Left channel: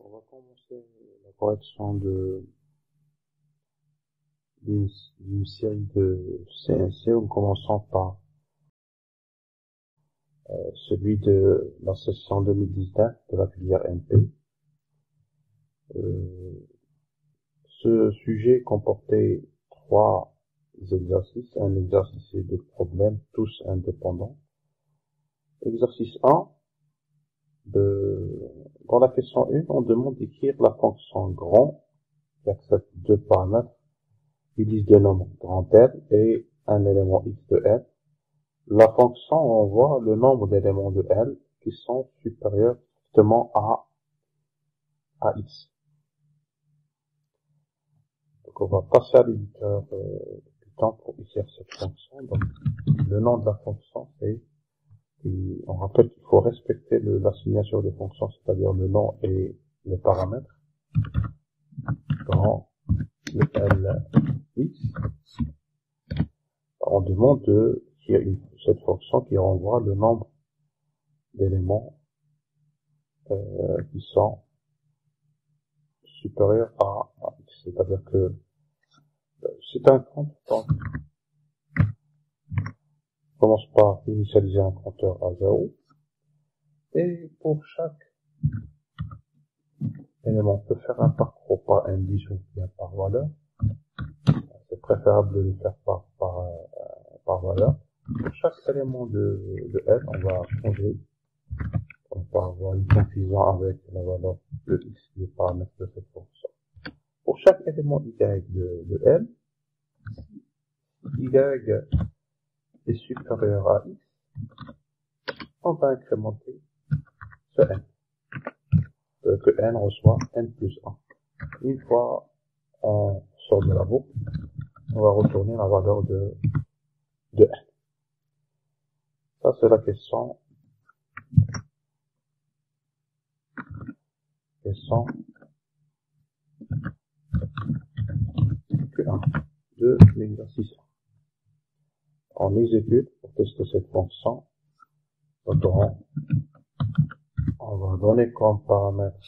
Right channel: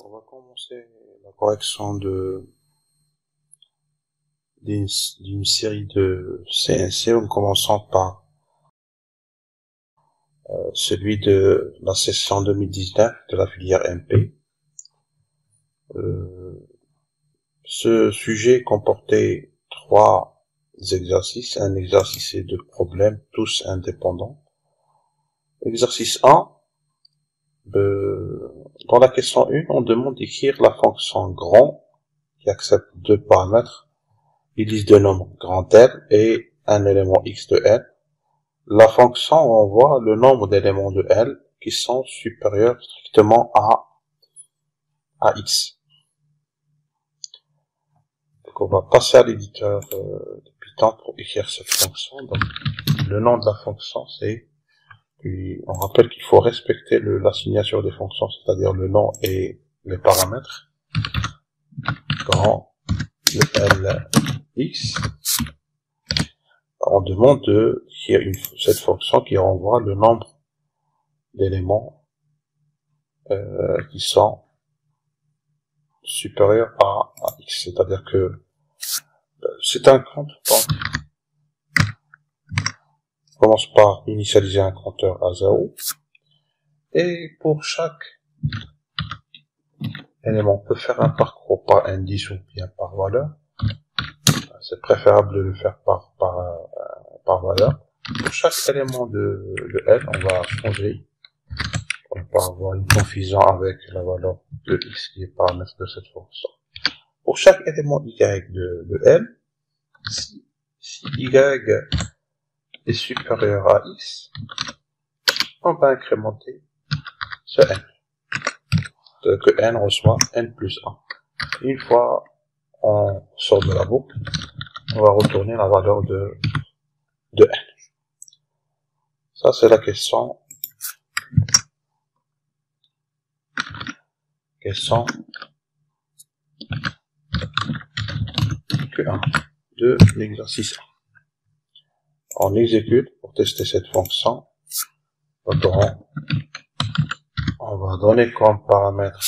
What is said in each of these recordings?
On va commencer la correction d'une série de CNC en commençant par celui de la session 2019 de la filière MP. Ce sujet comportait 3 exercices, un exercice et 2 problèmes, tous indépendants. Exercice 1, dans la question 1, on demande d'écrire la fonction grand qui accepte 2 paramètres, une liste de nombres grand L et un élément x de L. La fonction renvoie le nombre d'éléments de L qui sont supérieurs strictement à x. Donc on va passer à l'éditeur de Python pour écrire cette fonction. Donc, le nom de la fonction c'est, on rappelle qu'il faut respecter la signature des fonctions, c'est-à-dire le nom et les paramètres. Grand L x. On demande de créer cette fonction qui renvoie le nombre d'éléments qui sont supérieurs à x, c'est-à-dire que c'est un compte. Donc, on commence par initialiser un compteur à 0 et pour chaque élément on peut faire un parcours par indice ou bien par valeur. C'est préférable de le faire par valeur. Pour chaque élément de L, on va changer. On va avoir une confusion avec la valeur de x qui est paramètre de cette fonction. Pour chaque élément y de L, si y est supérieur à x, on va incrémenter ce n. C'est-à-dire que n reçoit n plus 1. Une fois on sort de la boucle, on va retourner la valeur de n. Ça c'est la question Q1 de l'exercice 1. On exécute pour tester cette fonction. On va donner comme paramètre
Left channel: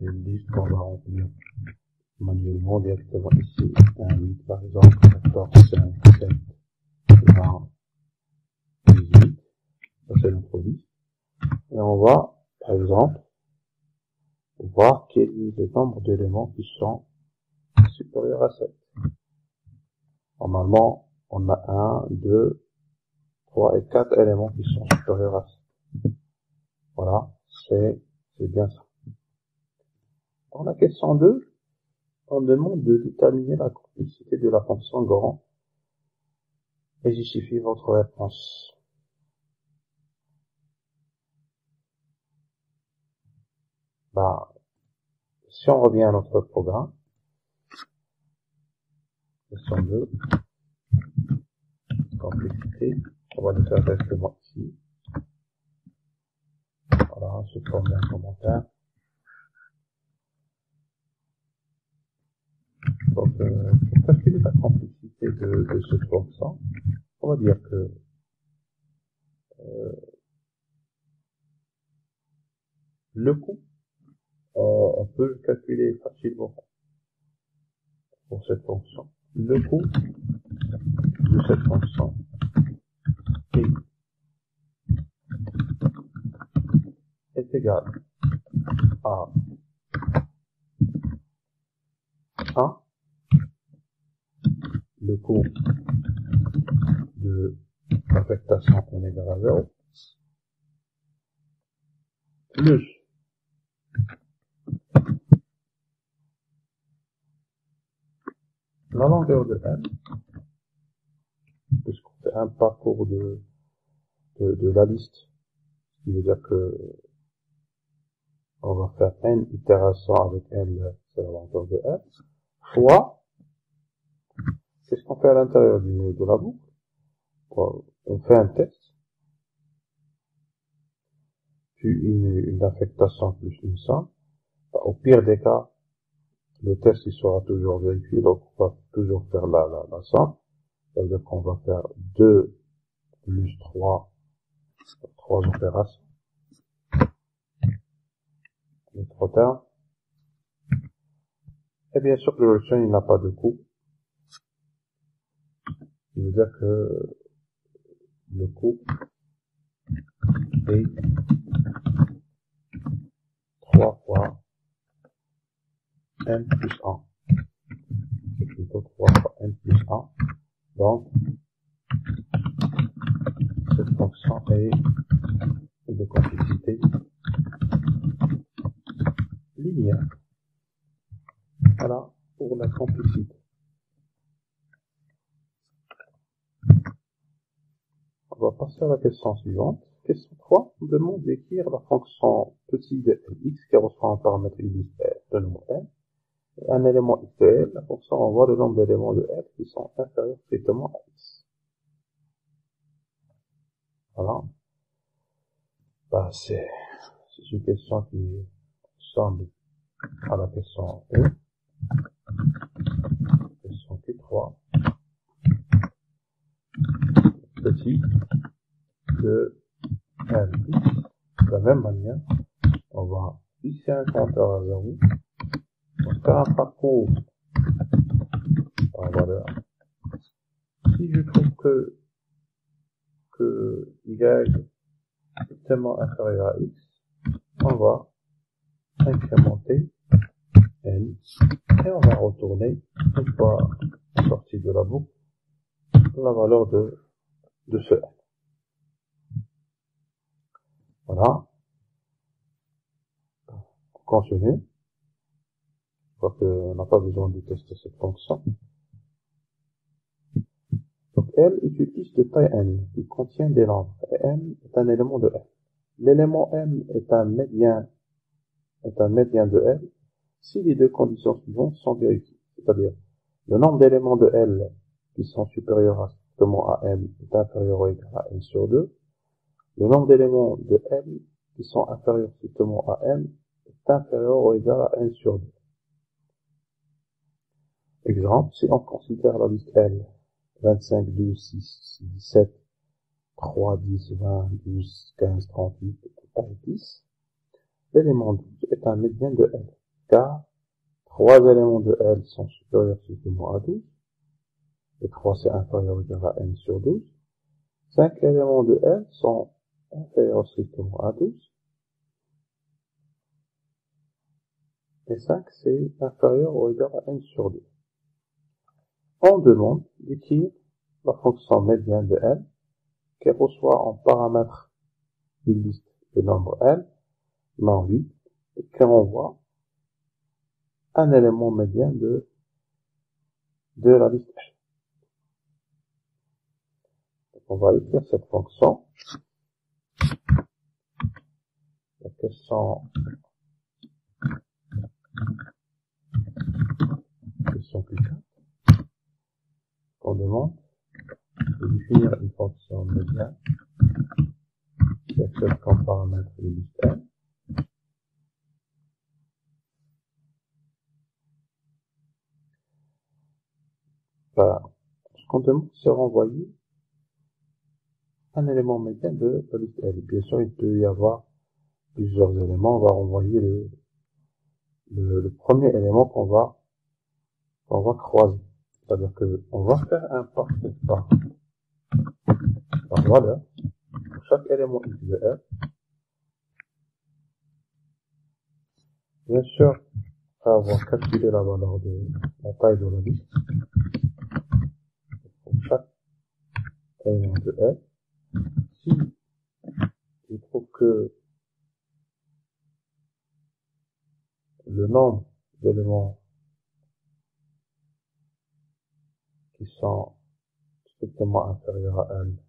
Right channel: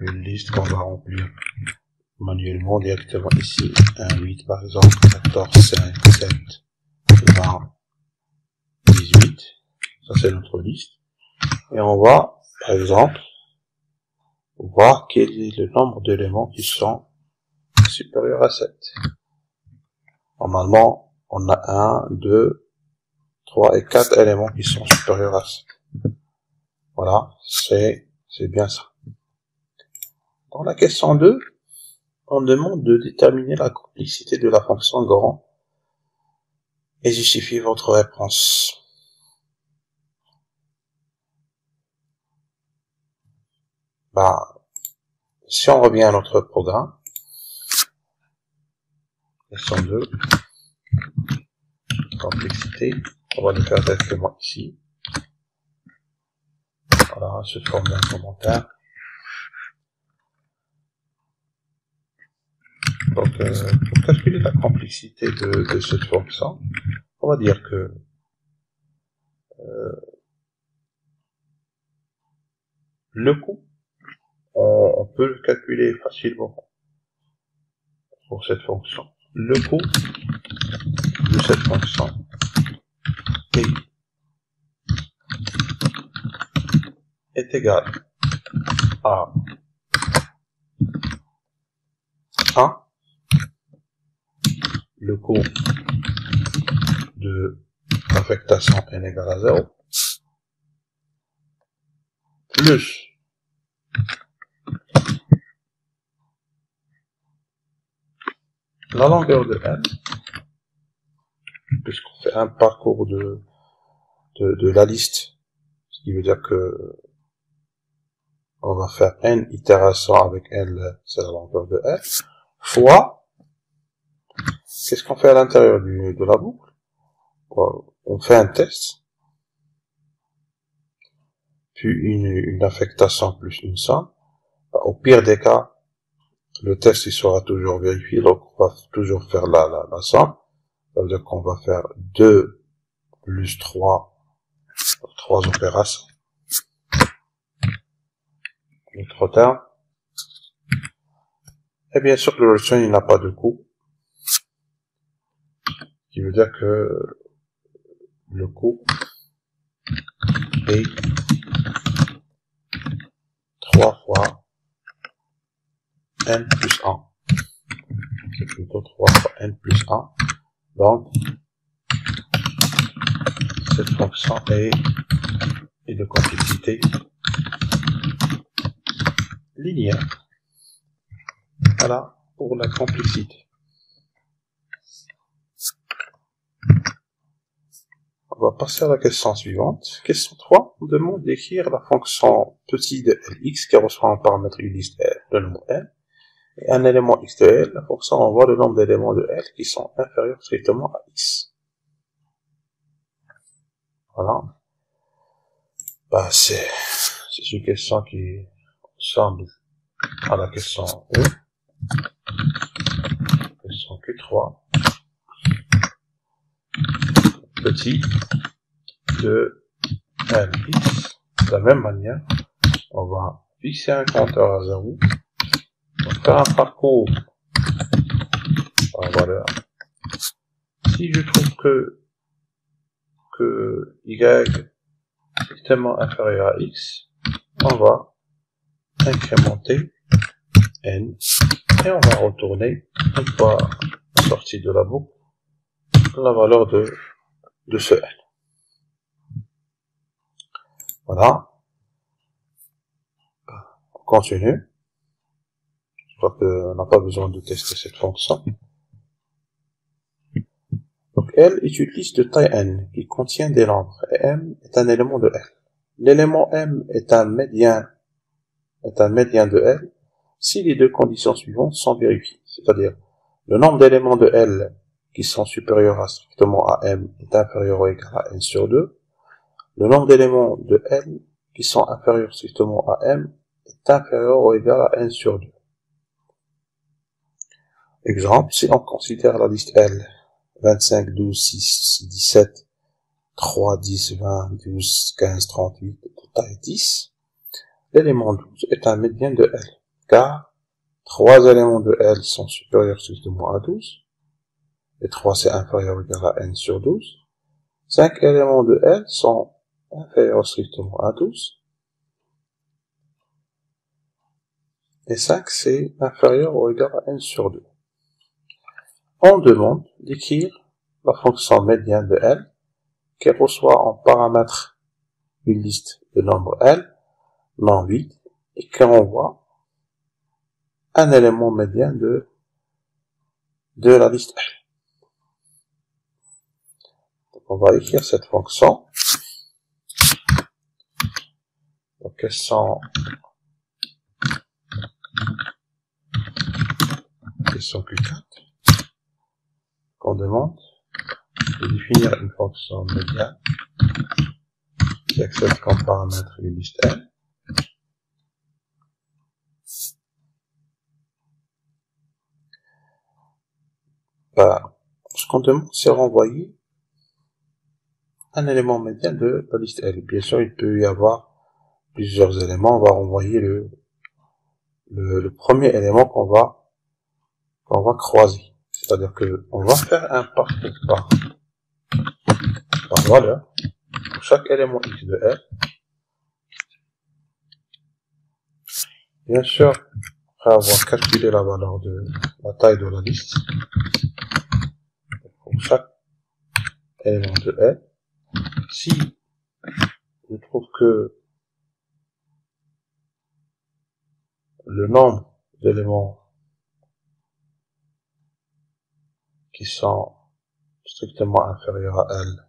une liste qu'on va remplir manuellement directement ici. 1, 8 par exemple, 14, 5, 7, 20, 18. Ça c'est notre liste. Et on va, par exemple, voir quel est le nombre d'éléments qui sont supérieurs à 7. Normalement, on a 1, 2, 3 et 4 éléments qui sont supérieurs à 7. Voilà, c'est bien ça. Dans la question 2, on demande de déterminer la complexité de la fonction grand et justifier votre réponse. Si on revient à notre programme, question 2, complexité, on va le faire directement ici. Voilà, sous forme d'un commentaire. Donc, pour calculer la complexité de cette fonction, on va dire que le coût, on peut le calculer facilement pour cette fonction. Le coût de cette fonction est égal à 1, le coût de l'affectation n égale à 0, plus la longueur de n, puisqu'on fait un parcours de la liste, ce qui veut dire que on va faire n itérations avec n, c'est la longueur de n, fois, qu'est-ce qu'on fait à l'intérieur de la boucle? On fait un test, puis une affectation plus une somme. Au pire des cas, le test il sera toujours vérifié, donc on va toujours faire la somme. Ça veut dire qu'on va faire 2 plus 3 opérations. Notre terme, Et bien sûr, le return, il n'a pas de coût. Ce qui veut dire que le coût est 3 fois n plus 1. C'est plutôt 3 fois n plus 1. Donc, cette fonction est de complexité linéaire. Voilà pour la complexité. On va passer à la question suivante. Question 3. On demande d'écrire la fonction petit de Lx qui reçoit un paramètre une liste L, le nombre L, et un élément x de L. La fonction envoie le nombre d'éléments de L qui sont inférieurs strictement à x. Voilà. Bah, c'est une question qui ressemble à la question E. Question Q3. Petit de Lx. De la même manière, on va fixer un compteur à 0. On va faire un parcours par valeur. Si je trouve que y est strictement inférieur à x, on va incrémenter n et on va retourner, une fois sorti de la boucle, la valeur de ce n. Voilà. On continue. Je crois qu'on n'a pas besoin de tester cette fonction. Donc L est une liste de taille n qui contient des nombres et m est un élément de L. L'élément m est un médian de L si les deux conditions suivantes sont vérifiées, c'est-à-dire le nombre d'éléments de L qui sont supérieurs à strictement à m est inférieur ou égal à n sur 2, le nombre d'éléments de L qui sont inférieurs strictement à m est inférieur ou égal à n sur 2. Exemple, si on considère la liste L 25, 12, 6, 17, 3, 10, 20, 12, 15, 38, de taille 10, l'élément 12 est un médian de L, car 3 éléments de L sont supérieurs strictement à 12, et 3 c'est inférieur ou égal à n sur 12, 5 éléments de L sont inférieurs strictement à 12, et 5 c'est inférieur ou égal à n sur 2. On demande d'écrire la fonction médiane de L qui reçoit en paramètre une liste de nombres L non vide et qui envoie un élément médian de la liste L. Donc on va écrire cette fonction. Donc question Q4. On demande de définir une fonction médiane qui accepte comme paramètre une liste L. Ce qu'on demande, c'est renvoyer un élément médian de la liste L. Bien sûr, il peut y avoir plusieurs éléments. On va renvoyer le premier élément qu'on va croiser. C'est-à-dire que on va faire un parcours par valeur pour chaque élément x de L. Bien sûr, après avoir calculé la valeur de la taille de la liste, pour chaque élément de L, si je trouve que le nombre d'éléments qui sont strictement inférieurs à L,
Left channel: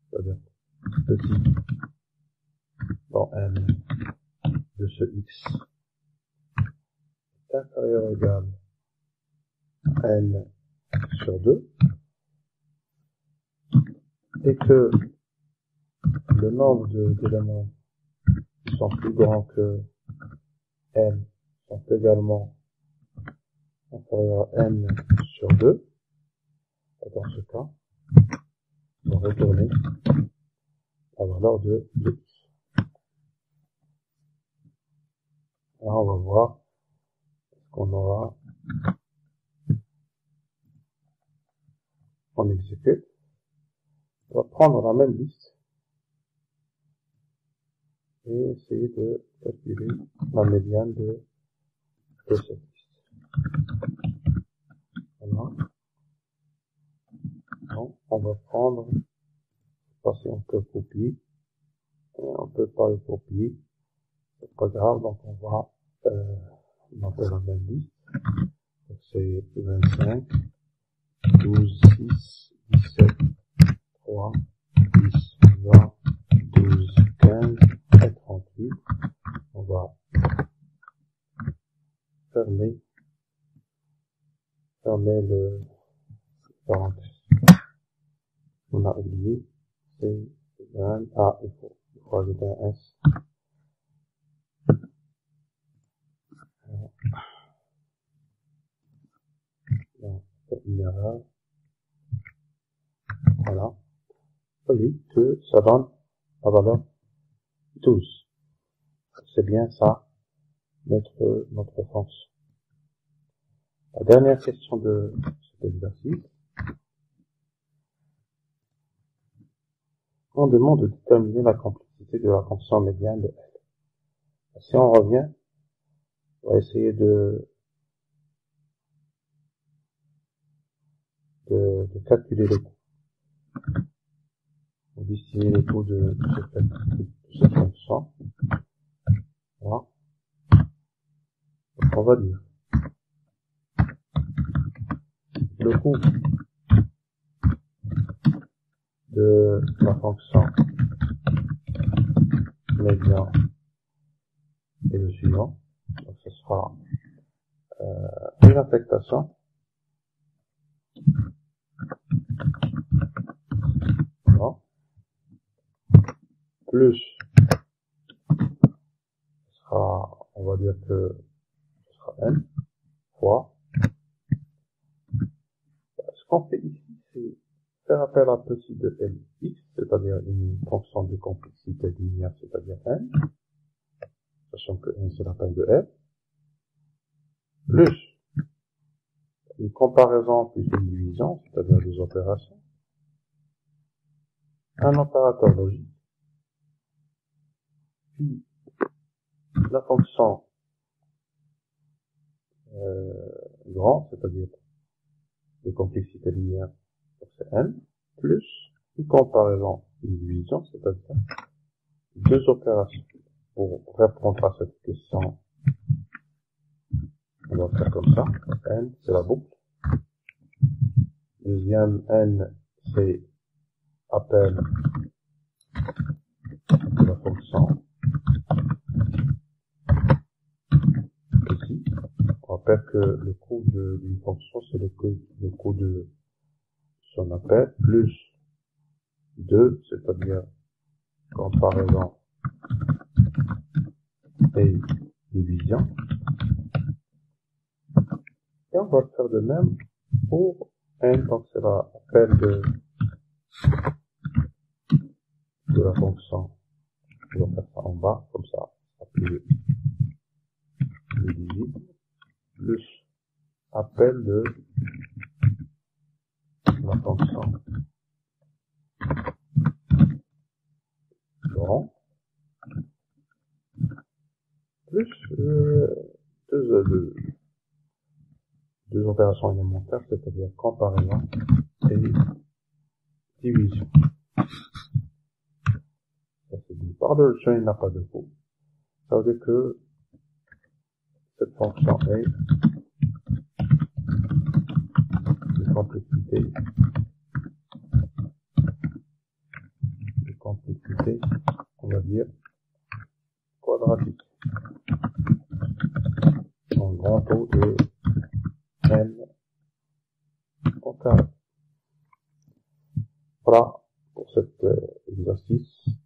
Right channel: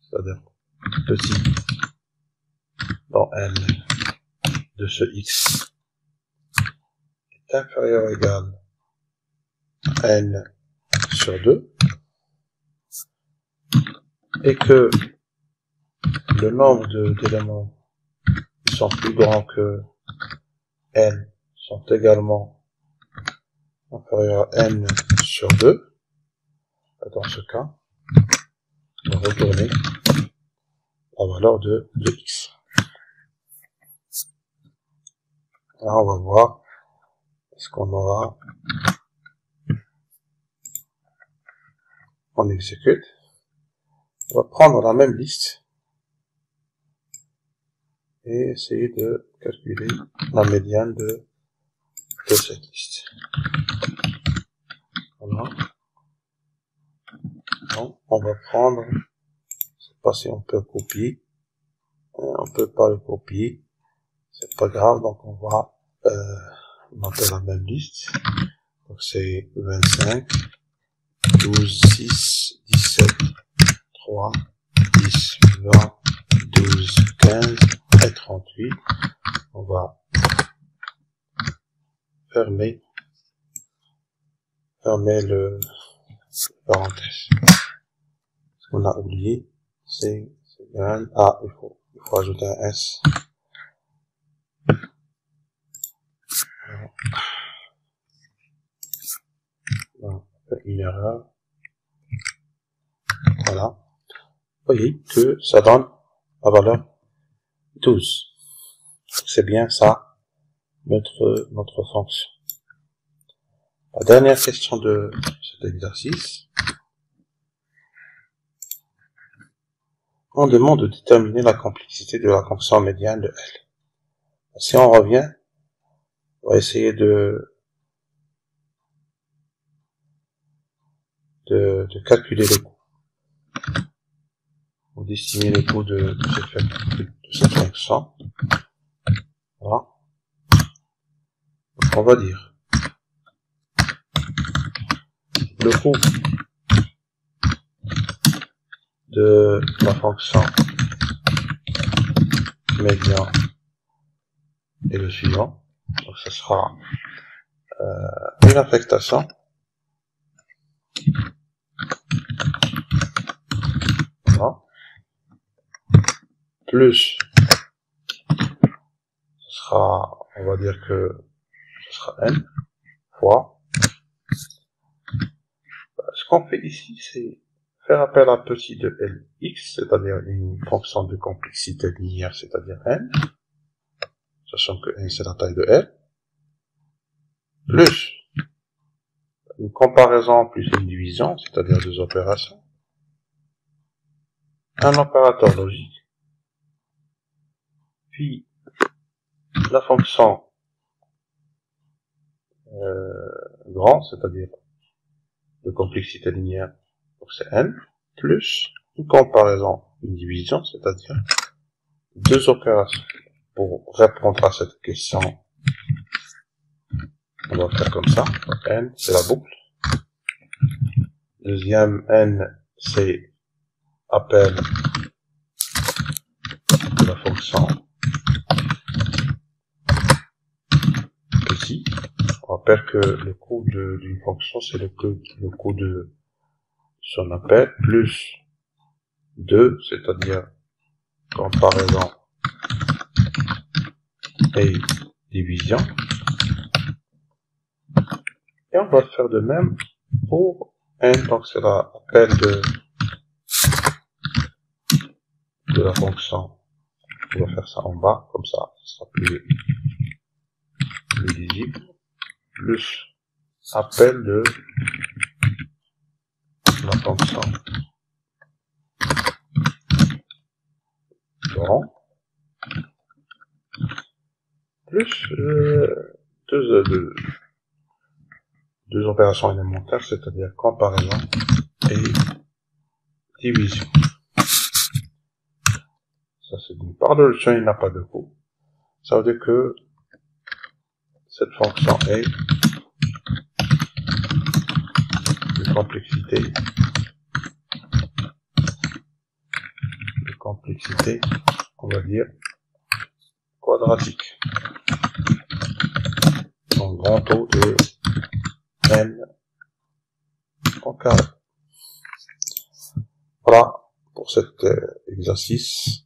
c'est-à-dire petit dans N de ce x est inférieur ou égal à N sur 2, et que le nombre d'éléments qui sont plus grands que N sont également inférieurs à N sur 2, dans ce cas, on va retourner la valeur de x. Là, on va voir ce qu'on aura? On exécute. On va prendre la même liste et essayer de calculer la médiane de cette liste. Voilà. Donc, on va prendre, je sais pas si on peut copier, on peut pas le copier, c'est pas grave, donc on va monter la même liste. Donc c'est 25, 12, 6, 17, 3, 10, 20, 12, 15 et 38. On va fermer le parenthèse. Ce qu'on a oublié, c'est un A, il faut ajouter un S. Une erreur. Voilà. Vous voyez que ça donne la valeur 12. C'est bien ça, notre fonction. La dernière question de cet exercice. On demande de déterminer la complexité de la fonction médiane de L. Si on revient, on va essayer de calculer le coût. Ou d'estimer le coût de cette fonction. Voilà. Donc on va dire le coût de la fonction médiane est le suivant. Donc ce sera une affectation voilà, plus ce sera, on va dire que ce sera n fois. Ce qu'on fait ici, c'est faire appel à petit de Lx, c'est-à-dire une fonction de complexité linéaire, c'est-à-dire n, sachant que n c'est la taille de L, plus une comparaison plus une division, c'est-à-dire deux opérations, un opérateur logique, puis la fonction grand, c'est-à-dire de complexité linéaire, donc c'est n, plus une comparaison, une division, c'est-à-dire deux opérations. Pour répondre à cette question, on va faire comme ça. N, c'est la boucle. Deuxième n, c'est appel de la fonction ici. On rappelle que le coût d'une fonction, c'est le coût de son appel, plus 2, c'est-à-dire comparaison et division. Et on va faire de même pour n, donc c'est l'appel de la fonction. On va faire ça en bas, comme ça, ce sera plus lisible, plus appel de la fonction grand, plus deux opérations élémentaires, c'est-à-dire comparaison et division. Ça c'est d'une part. De l'option, il n'a pas de coût. Ça veut dire que cette fonction est de complexité, on va dire, quadratique. Donc grand taux de n en carré. Voilà pour cet exercice.